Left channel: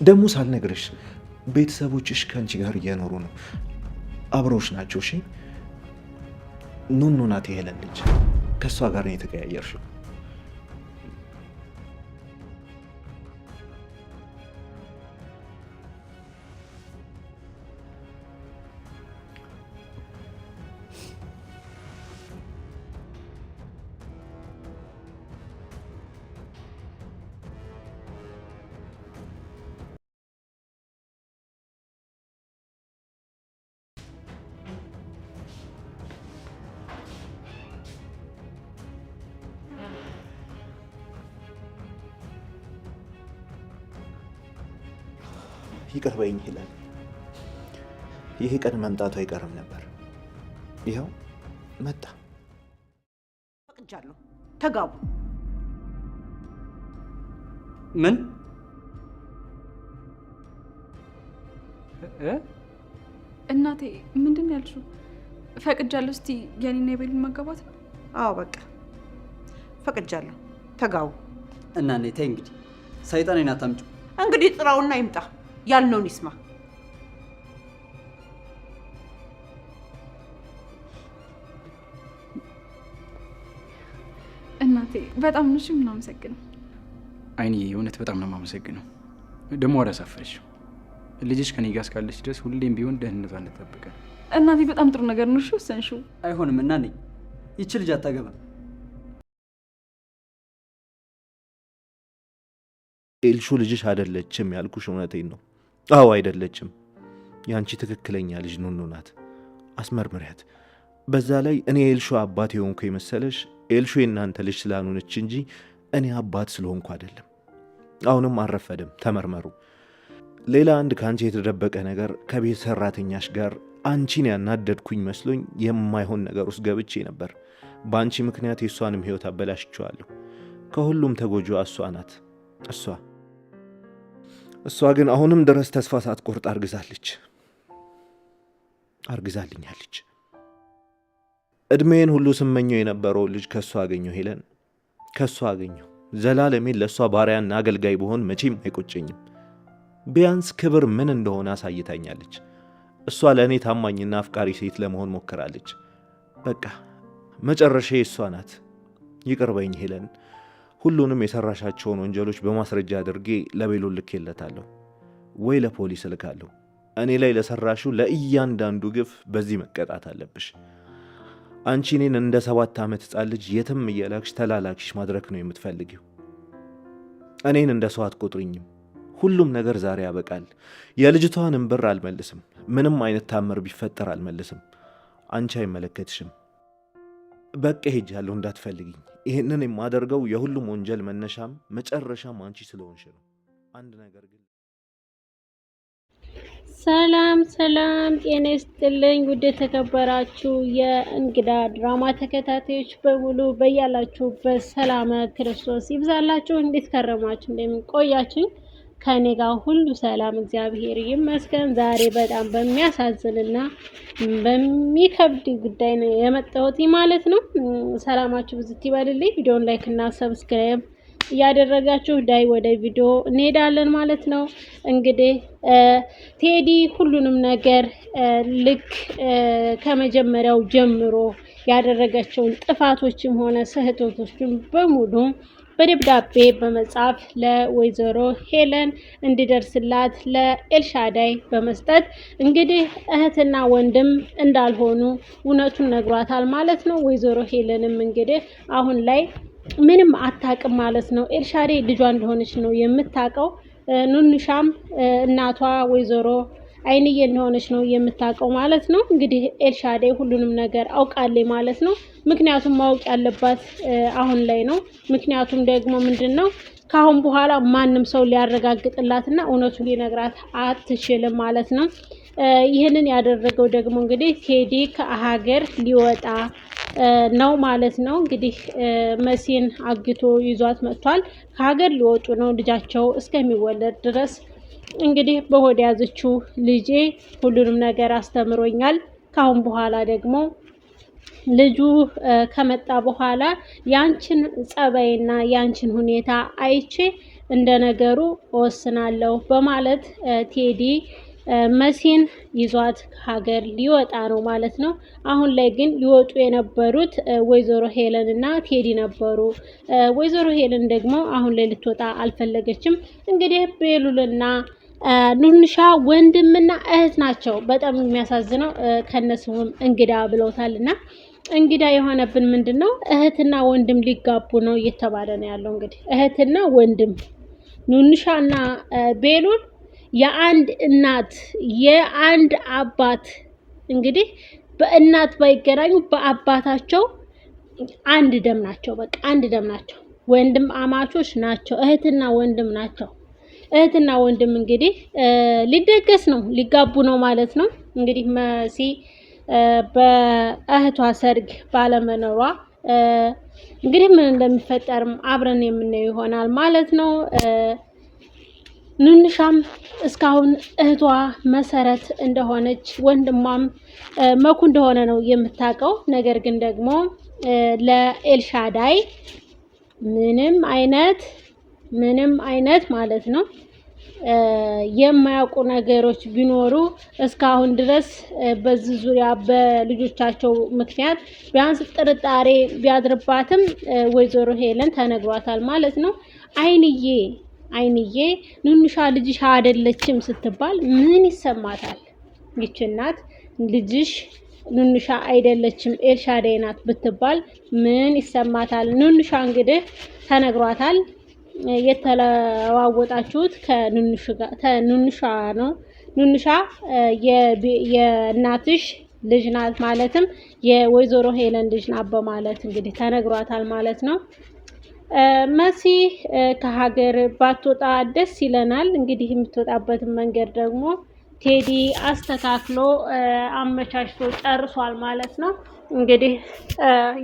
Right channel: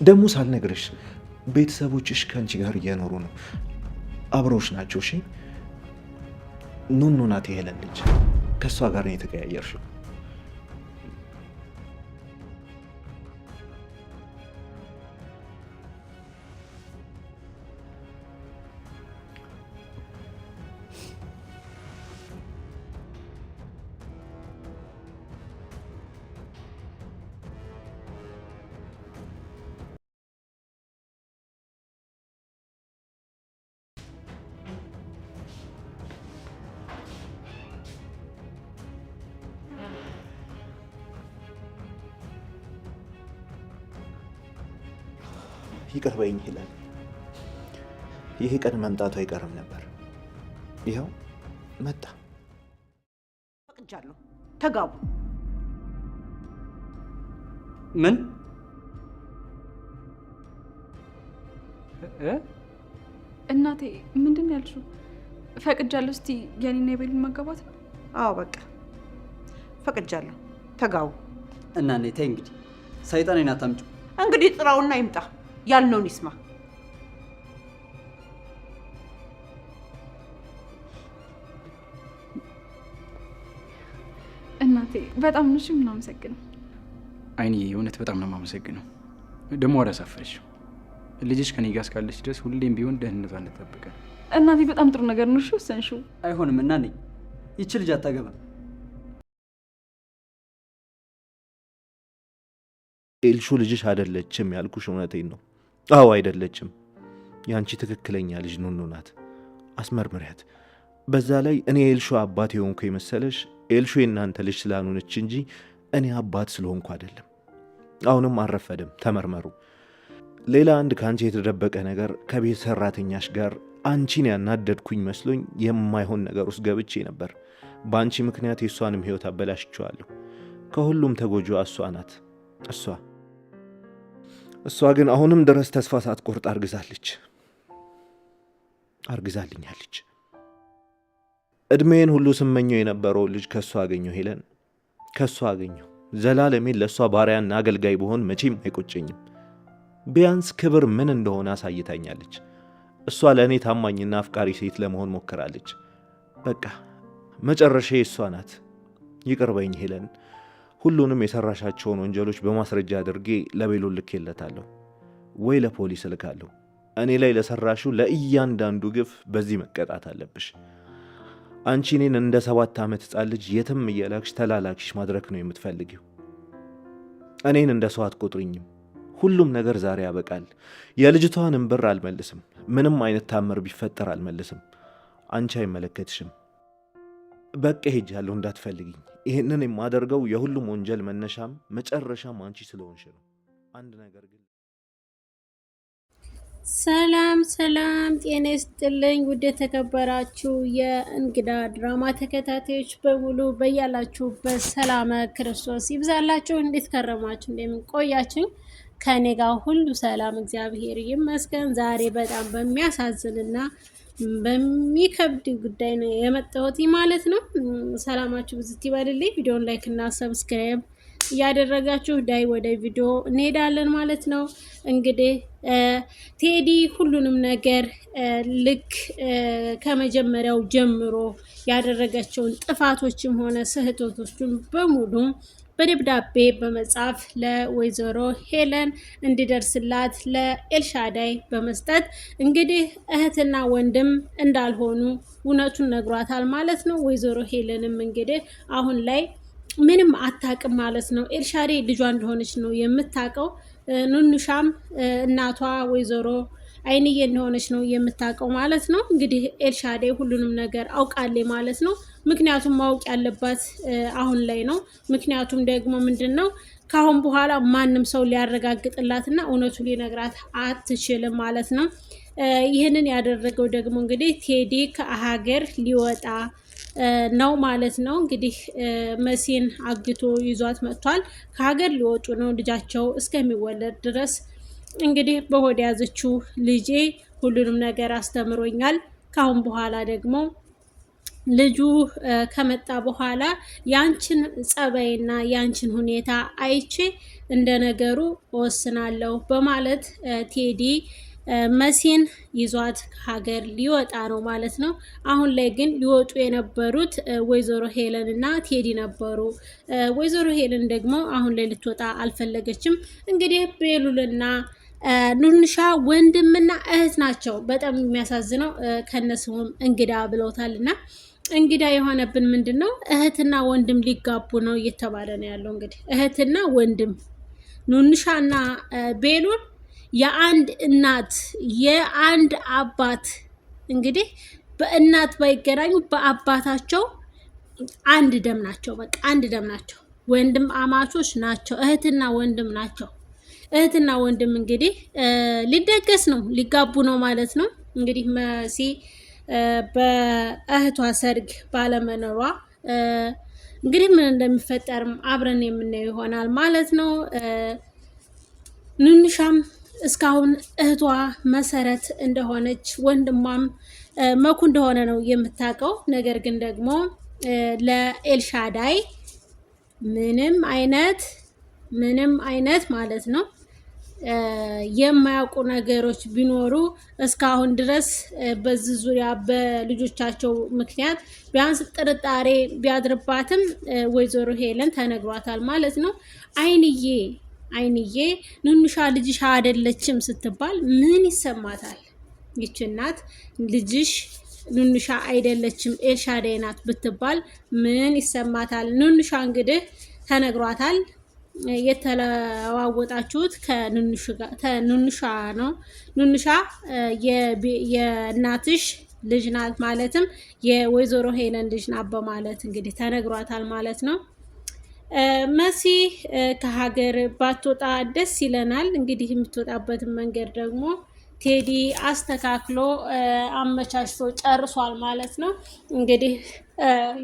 ደግሞ ሳልነግርሽ ቤተሰቦችሽ ከአንቺ ጋር እየኖሩ ነው፣ አብረውሽ ናቸው። እሺ ኑኑ ናት የሄለን ልጅ፣ ከእሷ ጋር ነው የተቀያየርሽው። ይቅር በይኝ ሄለን፣ ይሄ ቀን መምጣቱ አይቀርም ነበር። ይኸው መጣ። ፈቅጃለሁ፣ ተጋቡ። ምን እናቴ ምንድን ያልሽው? ፈቅጃለሁ። እስቲ ያኔና የቤሉን መጋባት ነው? አዎ በቃ ፈቅጃለሁ፣ ተጋቡ። እና እኔ ተይ እንግዲህ ሰይጣኔን አታምጪው። እንግዲህ ጥራውና ይምጣ፣ ያልነውን ይስማ። እናቴ በጣም ነው የምናመሰግነው። አይኔ እውነት በጣም ነው የማመሰግነው። ደግሞ አላሳፈርሽ። ልጅሽ ከኔ ጋር እስካለች ድረስ ሁሌም ቢሆን ደህንነቷን እንጠብቃለን። እናቴ በጣም ጥሩ ነገር ነው ወሰንሽው። አይሆንም እና ነኝ ይቺ ልጅ አታገባም። ኤልሹ ልጅሽ አይደለችም ያልኩሽ እውነቴን ነው። አዎ አይደለችም። ያንቺ ትክክለኛ ልጅ ኑኑ ናት። አስመርምሪያት። በዛ ላይ እኔ ኤልሹ አባት የሆንኩ የመሰለሽ ኤልሹ የእናንተ ልጅ ስላልሆነች እንጂ እኔ አባት ስለሆንኩ አይደለም። አሁንም አልረፈደም፣ ተመርመሩ። ሌላ አንድ ከአንቺ የተደበቀ ነገር ከቤት ሰራተኛሽ ጋር አንቺን ያናደድኩኝ መስሎኝ የማይሆን ነገር ውስጥ ገብቼ ነበር። በአንቺ ምክንያት የእሷንም ህይወት አበላሽቼዋለሁ። ከሁሉም ተጎጂዋ እሷ ናት። እሷ ግን አሁንም ድረስ ተስፋ ሳትቆርጥ አርግዛልኛለች። እድሜን ሁሉ ስመኘው የነበረው ልጅ ከሷ አገኘው። ሄለን ከሷ አገኘው። ዘላለሜን ለሷ ባሪያና አገልጋይ በሆን መቼም አይቆጨኝም። ቢያንስ ክብር ምን እንደሆነ አሳይታኛለች። እሷ ለእኔ ታማኝና አፍቃሪ ሴት ለመሆን ሞክራለች። በቃ መጨረሻዬ እሷ ናት። ይቅር በይኝ ሄለን። ሁሉንም የሰራሻቸውን ወንጀሎች በማስረጃ አድርጌ ለቤሉል ልኬለታለሁ ወይ ለፖሊስ እልካለሁ። እኔ ላይ ለሰራሽው ለእያንዳንዱ ግፍ በዚህ መቀጣት አለብሽ። አንቺ እኔን እንደ 7 ዓመት ሕፃን ልጅ የትም እየላክሽ ተላላኪሽ ማድረግ ነው የምትፈልጊው። እኔን እንደ ሰው አትቆጥሪኝም። ሁሉም ነገር ዛሬ ያበቃል። የልጅቷንም ብር አልመልስም። ምንም አይነት ታምር ቢፈጠር አልመልስም። አንቺ አይመለከትሽም። በቃ ሄጃለሁ፣ እንዳትፈልግኝ። ይህንን የማደርገው የሁሉም ወንጀል መነሻም መጨረሻም አንቺ ስለሆንሽ ነው። አንድ ነገር ግን ሰላም ጤና ይስጥልኝ። ውድ የተከበራችሁ የእንግዳ ድራማ ተከታታዮች በሙሉ በያላችሁበት ሰላም ክርስቶስ ይብዛላችሁ። እንዴት ከረማችሁ? እንደምን ቆያችሁ? ከኔ ጋር ሁሉ ሰላም እግዚአብሔር ይመስገን። ዛሬ በጣም በሚያሳዝንና በሚከብድ ጉዳይ ነው የመጣሁት ማለት ነው። ሰላማችሁ ብዝት ይበልልኝ። ቪዲዮን ላይክ እና ሰብስክራይብ እያደረጋችሁ ዳይ ወደ ቪዲዮ እንሄዳለን ማለት ነው። እንግዲህ ቴዲ ሁሉንም ነገር ልክ ከመጀመሪያው ጀምሮ ያደረጋቸውን ጥፋቶችም ሆነ ስህተቶችን በሙሉ በደብዳቤ በመጻፍ ለወይዘሮ ሄለን እንዲደርስላት ለኤልሻዳይ በመስጠት እንግዲህ እህትና ወንድም እንዳልሆኑ እውነቱን ነግሯታል ማለት ነው። ወይዘሮ ሄለንም እንግዲህ አሁን ላይ ምንም አታውቅም ማለት ነው። ኤልሻዳይ ልጇ እንደሆነች ነው የምታውቀው። ኑኑሻም እናቷ ወይዘሮ አይንዬ እንደሆነች ነው የምታውቀው ማለት ነው። እንግዲህ ኤልሻዳይ ሁሉንም ነገር አውቃለች ማለት ነው። ምክንያቱም ማወቅ ያለባት አሁን ላይ ነው። ምክንያቱም ደግሞ ምንድነው ካሁን በኋላ ማንም ሰው ሊያረጋግጥላትና እውነቱን ሊነግራት አትችልም ማለት ነው። ይህንን ያደረገው ደግሞ እንግዲህ ቴዲ ከሀገር ሊወጣ ነው ማለት ነው። እንግዲህ መሲን አግቶ ይዟት መጥቷል። ከሀገር ሊወጡ ነው ልጃቸው እስከሚወለድ ድረስ። እንግዲህ በሆድ ያዘችው ልጄ ሁሉንም ነገር አስተምሮኛል። ካሁን በኋላ ደግሞ ልጁ ከመጣ በኋላ ያንቺን ጸባይና ያንቺን ሁኔታ አይቼ እንደ ነገሩ እወስናለሁ በማለት ቴዲ መሲን ይዟት ሀገር ሊወጣ ነው ማለት ነው። አሁን ላይ ግን ሊወጡ የነበሩት ወይዘሮ ሄለን እና ቴዲ ነበሩ። ወይዘሮ ሄለን ደግሞ አሁን ላይ ልትወጣ አልፈለገችም። እንግዲህ ቤሉልና ኑንሻ ወንድምና እህት ናቸው። በጣም የሚያሳዝነው ከነስሙም እንግዳ ብለውታልና እንግዳ የሆነብን ምንድን ነው? እህትና ወንድም ሊጋቡ ነው እየተባለ ነው ያለው። እንግዲህ እህትና ወንድም ኑንሻና ቤሉል የአንድ እናት የአንድ አባት እንግዲህ በእናት ባይገናኙ በአባታቸው አንድ ደም ናቸው። በቃ አንድ ደም ናቸው። ወንድም አማቾች ናቸው። እህትና ወንድም ናቸው። እህትና ወንድም እንግዲህ ሊደገስ ነው ሊጋቡ ነው ማለት ነው። እንግዲህ መሲ በእህቷ ሰርግ ባለመኖሯ እንግዲህ ምን እንደሚፈጠርም አብረን የምናየው ይሆናል ማለት ነው። ኑንሻም እስካሁን እህቷ መሰረት እንደሆነች ወንድሟም መኩ እንደሆነ ነው የምታውቀው። ነገር ግን ደግሞ ለኤልሻዳይ ምንም አይነት ማለት ነው የማያውቁ ነገሮች ቢኖሩ እስካሁን ድረስ በዚህ ዙሪያ በልጆቻቸው ምክንያት ቢያንስ ጥርጣሬ ቢያድርባትም ወይዘሮ ሄለን ተነግሯታል ማለት ነው። አይንዬ ኑንሻ ልጅሽ አይደለችም ስትባል ምን ይሰማታል? ይች እናት ልጅሽ ኑንሻ አይደለችም ኤልሻዳይ ናት ብትባል ምን ይሰማታል? ኑንሻ እንግዲህ ተነግሯታል። የተለዋወጣችሁት ከኑንሻ ነው። ኑንሻ የእናትሽ ልጅ ናት ማለትም የወይዘሮ ሄለን ልጅ ናት በማለት እንግዲህ ተነግሯታል ማለት ነው። መሲ ከሀገር ባትወጣ ደስ ይለናል። እንግዲህ የምትወጣበትን መንገድ ደግሞ ቴዲ አስተካክሎ አመቻችቶ ጨርሷል ማለት ነው። እንግዲህ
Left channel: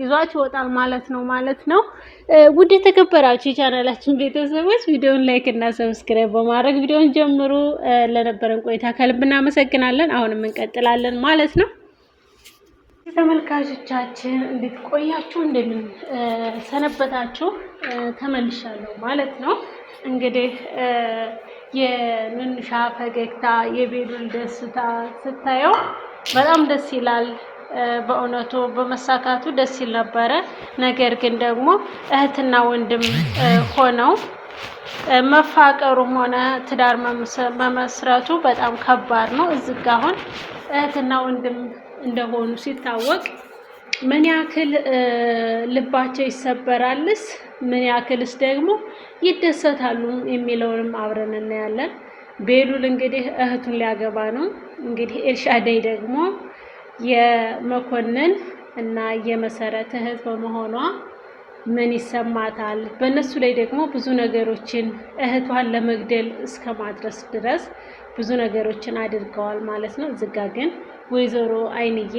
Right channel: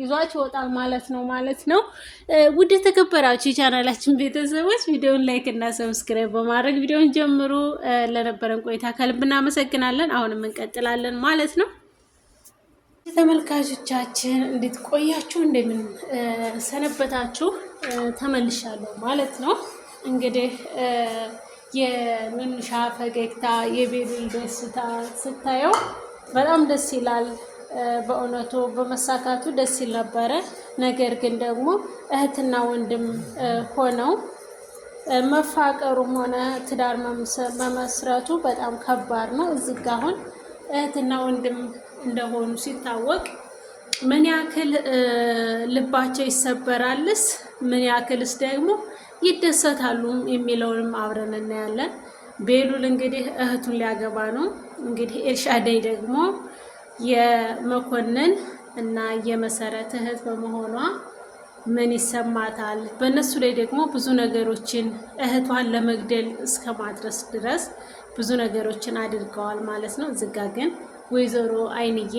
ይዟት ይወጣል ማለት ነው። ውድ የተከበራችሁ የቻናላችን ቤተሰቦች ቪዲዮውን ላይክ እና ሰብስክራይብ በማድረግ ቪዲዮውን ጀምሩ። ለነበረን ቆይታ ከልብ እናመሰግናለን። አሁንም እንቀጥላለን ማለት ነው። ተመልካቾቻችን እንዴት ቆያችሁ? እንደምን ሰነበታችሁ? ተመልሻለሁ ማለት ነው። እንግዲህ የኑንሻ ፈገግታ የቤሉል ደስታ ስታየው በጣም ደስ ይላል። በእውነቱ በመሳካቱ ደስ ይል ነበረ። ነገር ግን ደግሞ እህትና ወንድም ሆነው መፋቀሩም ሆነ ትዳር መመስረቱ በጣም ከባድ ነው። እዚህ ጋ አሁን እህትና ወንድም እንደሆኑ ሲታወቅ ምን ያክል ልባቸው ይሰበራልስ፣ ምን ያክልስ ደግሞ ይደሰታሉ የሚለውንም አብረን እናያለን። ቤሉል እንግዲህ እህቱን ሊያገባ ነው። እንግዲህ ኤልሻዳይ ደግሞ የመኮንን እና የመሰረት እህት በመሆኗ ምን ይሰማታል? በእነሱ ላይ ደግሞ ብዙ ነገሮችን እህቷን ለመግደል እስከ ማድረስ ድረስ ብዙ ነገሮችን አድርገዋል ማለት ነው። ዝጋ ግን ወይዘሮ አይንዬ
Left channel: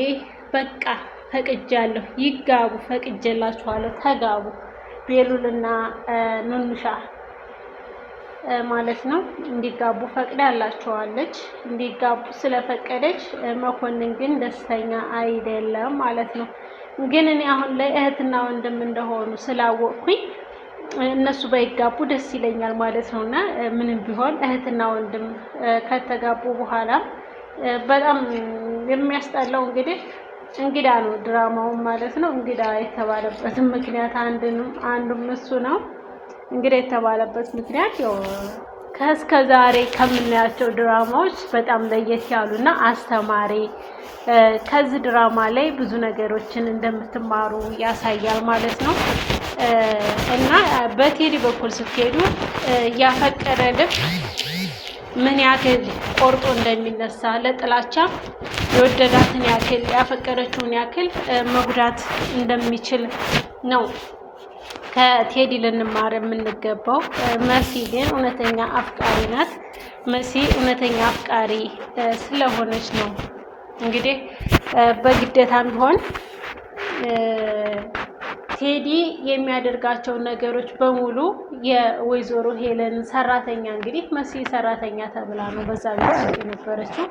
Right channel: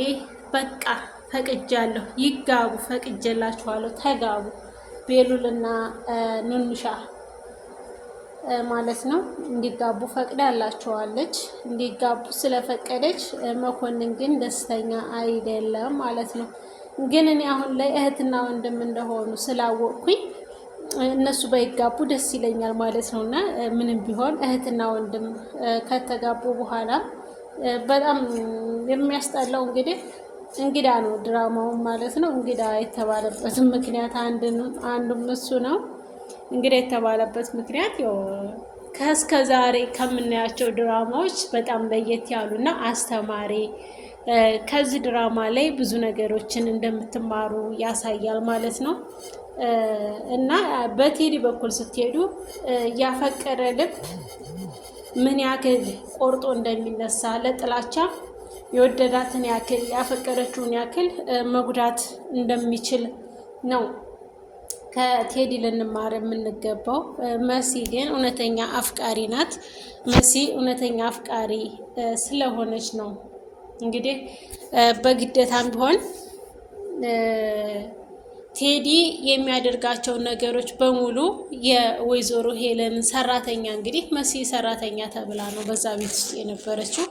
በቃ ፈቅጃለሁ፣ ይጋቡ፣ ፈቅጀላችኋለሁ፣ ተጋቡ ቤሉልና ኑንሻ ማለት ነው እንዲጋቡ ፈቅዳላችኋለች። እንዲጋቡ ስለፈቀደች መኮንን ግን ደስተኛ አይደለም ማለት ነው። ግን እኔ አሁን ላይ እህትና ወንድም እንደሆኑ ስላወቅኩኝ እነሱ ባይጋቡ ደስ ይለኛል ማለት ነው። እና ምንም ቢሆን እህትና ወንድም ከተጋቡ በኋላ በጣም የሚያስጠላው እንግዲህ እንግዳ ነው ድራማው ማለት ነው። እንግዳ የተባለበትም ምክንያት አንዱም እሱ ነው። እንግዳ የተባለበት ምክንያት ያው ከእስከ ዛሬ ከምናያቸው ድራማዎች በጣም ለየት ያሉና አስተማሪ ከዚህ ድራማ ላይ ብዙ ነገሮችን እንደምትማሩ ያሳያል ማለት ነው። እና በቴዲ በኩል ስትሄዱ ያፈቀረ ልብ ምን ያክል ቆርጦ እንደሚነሳ ለጥላቻ የወደዳትን ያክል ያፈቀረችውን ያክል መጉዳት እንደሚችል ነው ከቴዲ ልንማር የምንገባው። መሲ ግን እውነተኛ አፍቃሪ ናት። መሲ እውነተኛ አፍቃሪ ስለሆነች ነው እንግዲህ በግዴታም ቢሆን ቴዲ የሚያደርጋቸው ነገሮች በሙሉ የወይዘሮ ሄለን ሰራተኛ እንግዲህ መሲ ሰራተኛ ተብላ ነው በዛ ቤት ውስጥ የነበረችው።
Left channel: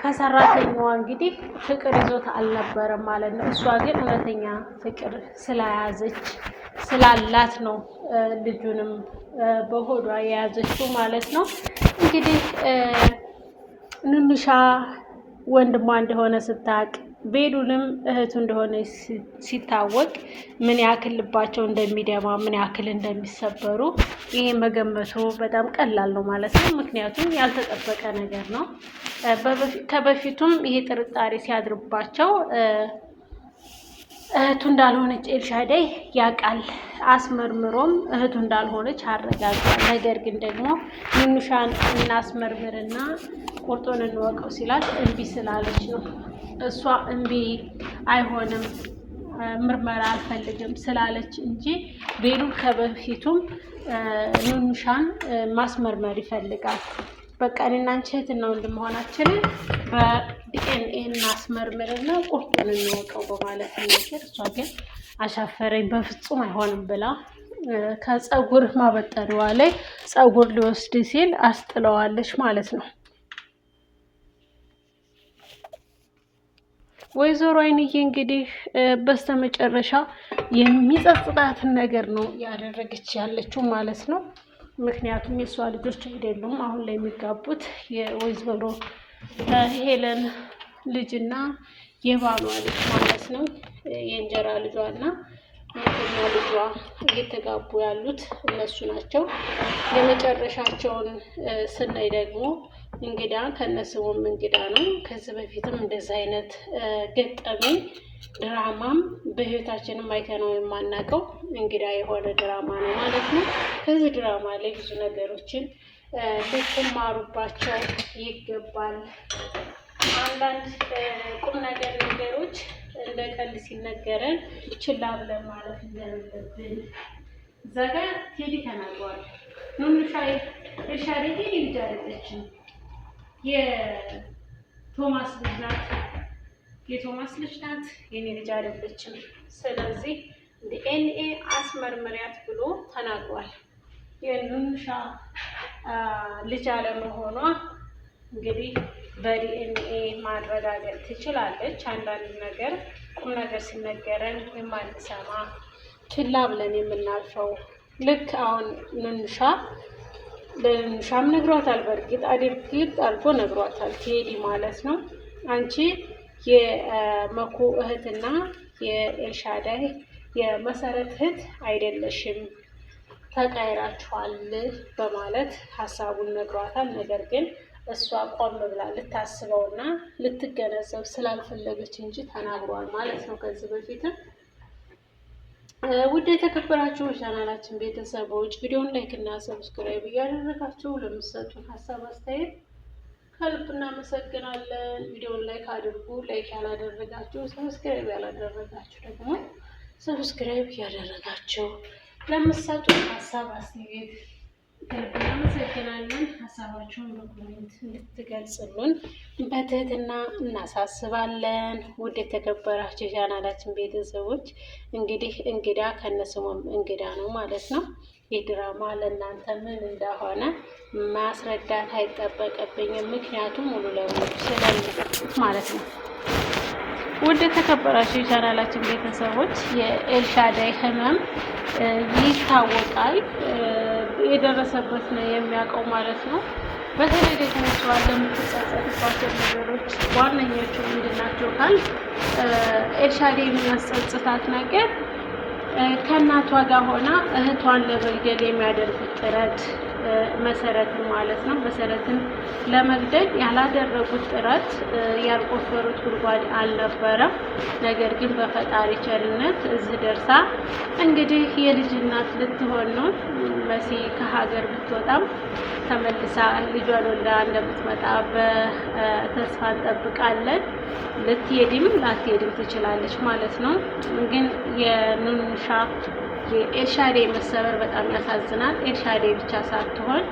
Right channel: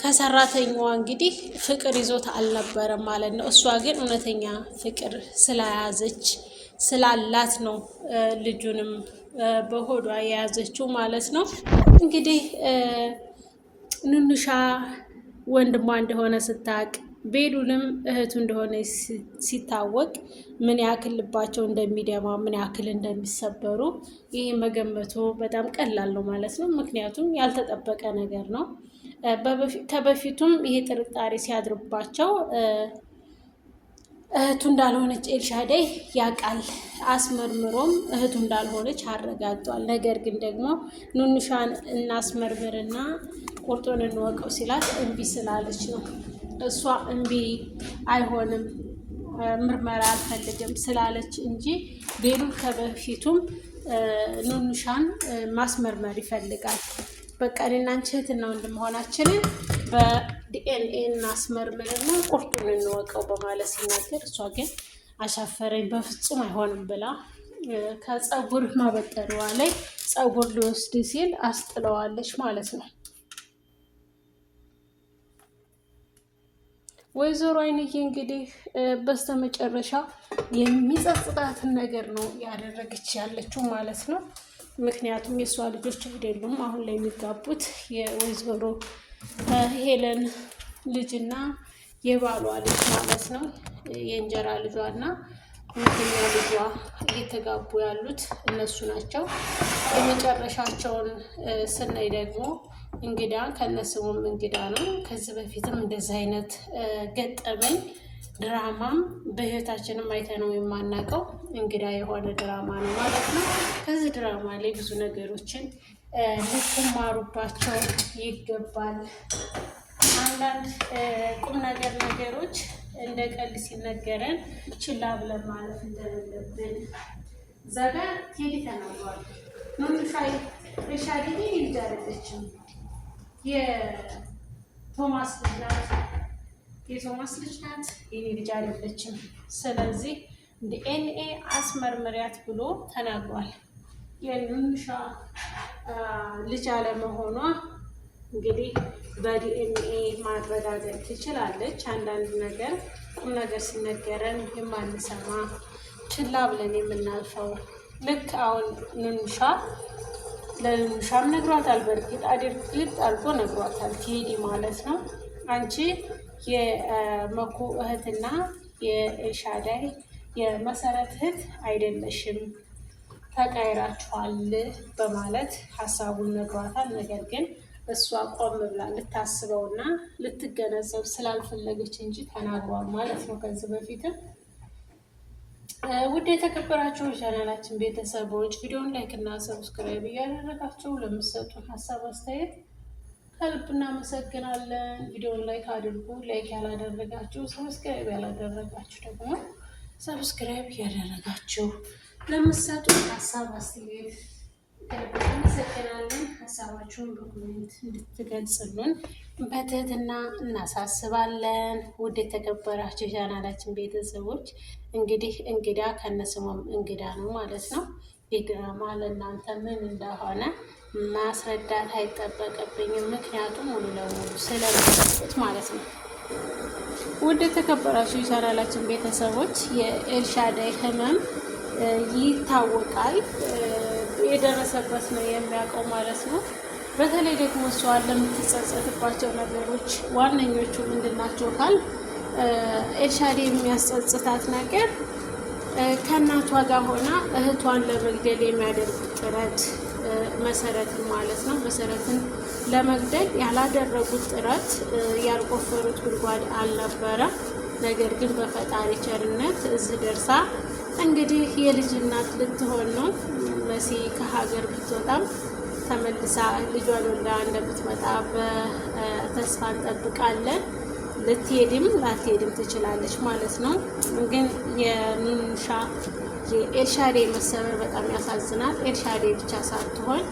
ከሰራተኛዋ እንግዲህ ፍቅር ይዞት አልነበረም ማለት ነው። እሷ ግን እውነተኛ ፍቅር ስለያዘች ስላላት ነው ልጁንም በሆዷ የያዘችው ማለት ነው። እንግዲህ ኑኑሻ ወንድሟ እንደሆነ ስታቅ ቤሉልም እህቱ እንደሆነ ሲታወቅ ምን ያክል ልባቸው እንደሚደማ ምን ያክል እንደሚሰበሩ ይሄ መገመቱ በጣም ቀላል ነው ማለት ነው። ምክንያቱም ያልተጠበቀ ነገር ነው። ከበፊቱም ይሄ ጥርጣሬ ሲያድርባቸው እህቱ እንዳልሆነች ኤልሻዳይ ያውቃል። አስመርምሮም እህቱ እንዳልሆነች አረጋግጧል። ነገር ግን ደግሞ ኑኑሻን እናስመርምርና ቁርጡን እንወቀው ሲላት እምቢ ስላለች ነው። እሷ እምቢ አይሆንም ምርመራ አልፈልግም ስላለች እንጂ ቤሉል ከበፊቱም ኑኑሻን ማስመርመር ይፈልጋል። በቃ እኔና አንቺ እህትና ወንድም መሆናችንን በዲኤንኤ እናስመርምርና ቁርጡን እንወቀው በማለት ሲናገር፣ እሷ ግን አሻፈረኝ በፍጹም አይሆንም ብላ ከፀጉር ማበጠሪዋ ላይ ፀጉር ሊወስድ ሲል አስጥለዋለች ማለት ነው። ወይዘሮ አይንዬ እንግዲህ በስተመጨረሻ የሚጸጽታትን ነገር ነው ያደረገች ያለችው ማለት ነው። ምክንያቱም የእሷ ልጆች አይደሉም አሁን ላይ የሚጋቡት የወይዘሮ ሄለን ልጅና የባሏ ልጅ ማለት ነው። የእንጀራ ልጇና ሁለተኛ ልጇ እየተጋቡ ያሉት እነሱ ናቸው። የመጨረሻቸውን ስናይ ደግሞ እንግዳ ከነስሙም እንግዳ ነው። ከዚህ በፊትም እንደዚህ አይነት ገጠመኝ ድራማም በህይወታችንም አይተነው የማናውቀው እንግዳ የሆነ ድራማ ነው ማለት ነው። ከዚህ ድራማ ላይ ብዙ ነገሮችን ልትማሩባቸው ይገባል። አንዳንድ ቁም ነገሮች እንደ ቀልድ ሲነገረን ችላ ብለን ማለፍ እንደሌለብን ዘጋ ቴዲ ተናግሯል። ኑኑሻ ኤልሻዳይ ልጅ አይደለችም፣ የቶማስ ልጅ ናት። የቶማስ ልጅ ናት፣ የኔ ልጅ አይደለችም። ስለዚህ ዲኤንኤ አስመርምሪያት ብሎ ተናግሯል። የኑኑሻ ልጅ አለመሆኗ እንግዲህ በዲኤንኤ ማረጋገጥ ትችላለች። አንዳንድ ነገር ቁም ነገር ሲነገረን የማንሰማ ችላ ብለን የምናልፈው ልክ አሁን ለኑኑሻም ነግሯታል። በእርግጥ አድርጎ ነግሯታል ቴዲ ማለት ነው። አንቺ የመኩ እህትና የኤልሻዳይ የመሰረት እህት አይደለሽም፣ ተቀይራችኋል በማለት ሀሳቡን ነግሯታል። ነገር ግን እሷ ቆም ብላ ልታስበውና ልትገነዘብ ስላልፈለገች እንጂ ተናግሯል ማለት ነው። ከዚህ በፊትም ውድ የተከበራችሁ ቻናላችን ቤተሰቦች ቪዲዮን ላይክ እና ሰብስክራይብ እያደረጋችሁ ለምትሰጡን ሀሳብ አስተያየት ከልብ እናመሰግናለን። ቪዲዮን ላይክ አድርጉ። ላይክ ያላደረጋችሁ ሰብስክራይብ ያላደረጋችሁ ደግሞ ሰብስክራይብ እያደረጋችሁ ለምትሰጡን ሀሳብ አስተያየት ከልብ እናመሰግናለን። ሀሳባችሁን በኮሜንት እንድትገልጽሉን በትህትና እናሳስባለን። ውድ የተከበራችሁ ቻናላችን ቤተሰቦች እንግዲህ እንግዳ ከነስሙም እንግዳ ነው ማለት ነው። ይህ ድራማ ለእናንተ ምን እንደሆነ ማስረዳት አይጠበቅብኝም፣ ምክንያቱም ሙሉ ለሙሉ ስለሚያውቁት ማለት ነው። ውድ የተከበራችሁ የቻናላችን ቤተሰቦች የኤልሻዳይ ህመም ይታወቃል፣ የደረሰበት ነው የሚያውቀው ማለት ነው። በተለይ ደግሞ እሷ ለምትጸጸትባቸው ነገሮች ዋነኞቹ ምንድናቸው ካል ኤልሻዳይ የሚያስጸጽታት ነገር ከእናቷ ጋር ሆና እህቷን ለመግደል የሚያደርጉት ጥረት መሰረትን ማለት ነው። መሰረትን ለመግደል ያላደረጉት ጥረት ያልቆፈሩት ጉድጓድ አልነበረም። ነገር ግን በፈጣሪ ቸርነት እዚህ ደርሳ እንግዲህ የልጅ እናት ልትሆን ነው። መሲ ከሀገር ብትወጣም ተመልሳ ልጇን ወልዳ እንደምትመጣ በተስፋ እንጠብቃለን። ልትሄድም ላትሄድም ትችላለች ማለት ነው። ግን የኑኑሻ የኤልሻዳይ መሰበር በጣም ያሳዝናል። ኤልሻዳይ ብቻ ሳትሆን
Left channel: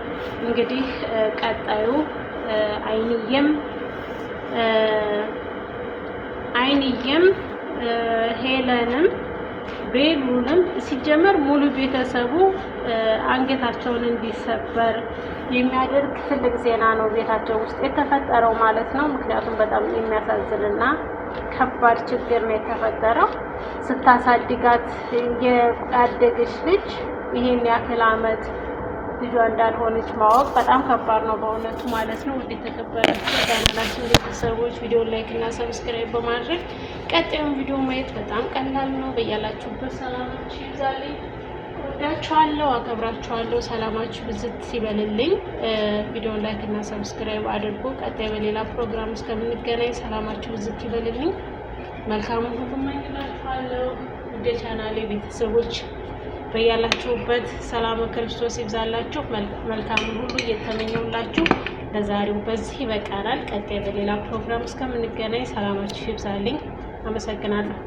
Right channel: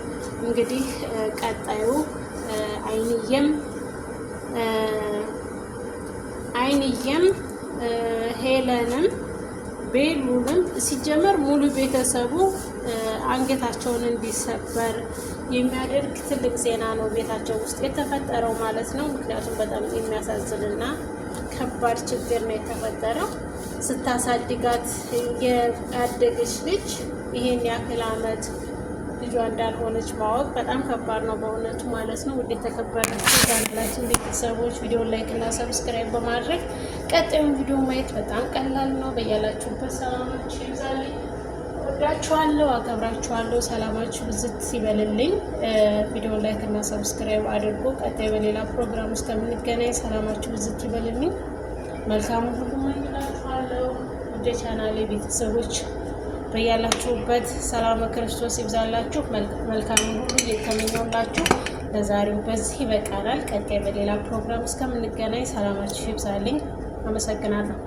እንግዲህ ቀጣዩ አይንዬም ሄለንም ቤሉልም ሲጀመር ሙሉ ቤተሰቡ አንገታቸውን እንዲሰበር የሚያደርግ ትልቅ ዜና ነው ቤታቸው ውስጥ የተፈጠረው ማለት ነው። ምክንያቱም በጣም የሚያሳዝንና ከባድ ችግር ነው የተፈጠረው። ስታሳድጋት ያደገች ልጅ ይህን ያክል ዓመት ልጇ እንዳልሆነች ማወቅ በጣም ከባድ ነው በእውነቱ ማለት ነው። ውድ የተከበራችሁ ቻናላችን ቤተሰቦች ቪዲዮ ላይክ እና ሰብስክራይብ በማድረግ ቀጣዩን ቪዲዮ ማየት በጣም ቀላል ነው። በያላችሁበት ሰላማችሁ ይብዛልኝ። ወዳችኋለሁ፣ አከብራችኋለሁ። ሰላማችሁ ብዝት ይበልልኝ። ቪዲዮ ላይክ እና ሰብስክራይብ አድርጎ ቀጣይ በሌላ ፕሮግራም እስከምንገናኝ ሰላማችሁ ብዝት ይበልልኝ። መልካሙን ሁሉ እመኝላችኋለሁ። ውድ ቻናሌ ቤተሰቦች በያላችሁበት ሰላም ክርስቶስ ይብዛላችሁ። መልካሙን ሁሉ እየተመኘውላችሁ ለዛሬው በዚህ ይበቃናል። ቀጣይ በሌላ ፕሮግራም እስከምንገናኝ ሰላማችሁ ይብዛልኝ። አመሰግናለሁ።